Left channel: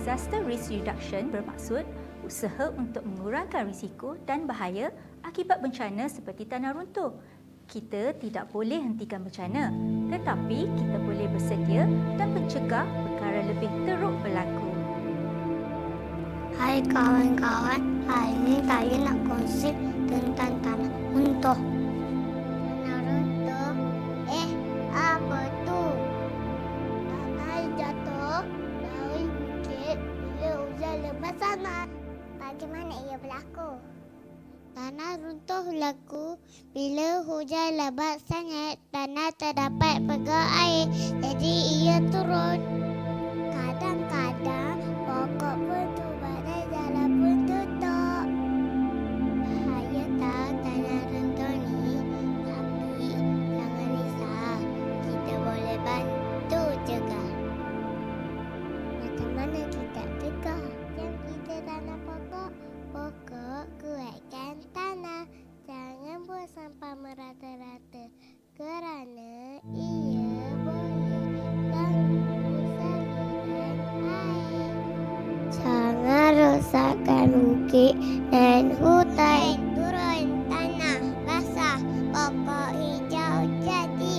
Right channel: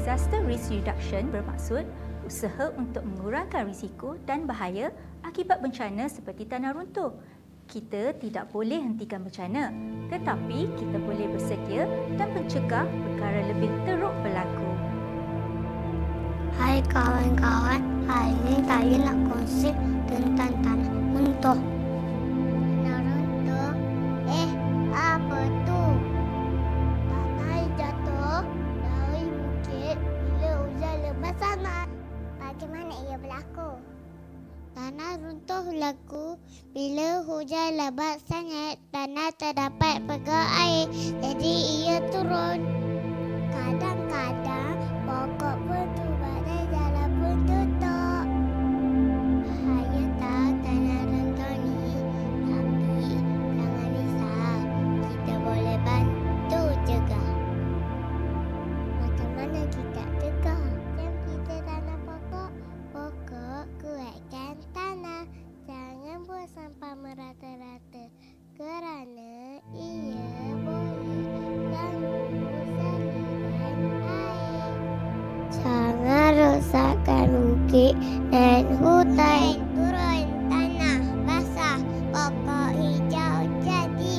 Disaster Risk Reduction bermaksud usaha untuk mengurangkan risiko dan bahaya akibat bencana seperti tanah runtuh. Kita tidak boleh hentikan bencana, tetapi kita boleh bersedia dan mencegah perkara lebih teruk berlaku. Hai kawan-kawan, hari ini saya nak kongsi tentang tanah runtuh. Tanah runtuh? Apa tu? Tanah jatuh dari bukit bila hujan lebat sangat. Bagaimana ia berlaku? Tanah runtuh berlaku bila hujan lebat sangat. Tanah terdapat pegang air, jadi ia turun. Kadang-kadang pokok pun tumbang dan jalan pun tutup. Bahaya tak tanah runtuh ni? Tapi jangan risau, kita boleh bantu cegah. Macam mana kita cegah? Jom kita tanam pokok. Pokok kuatkan tanah. Jangan buang sampah merata-rata kerana ia boleh ganggu saliran air. Jangan rosakkan bukit dan hutan. Turun tanah basah, pokok hijau jadi.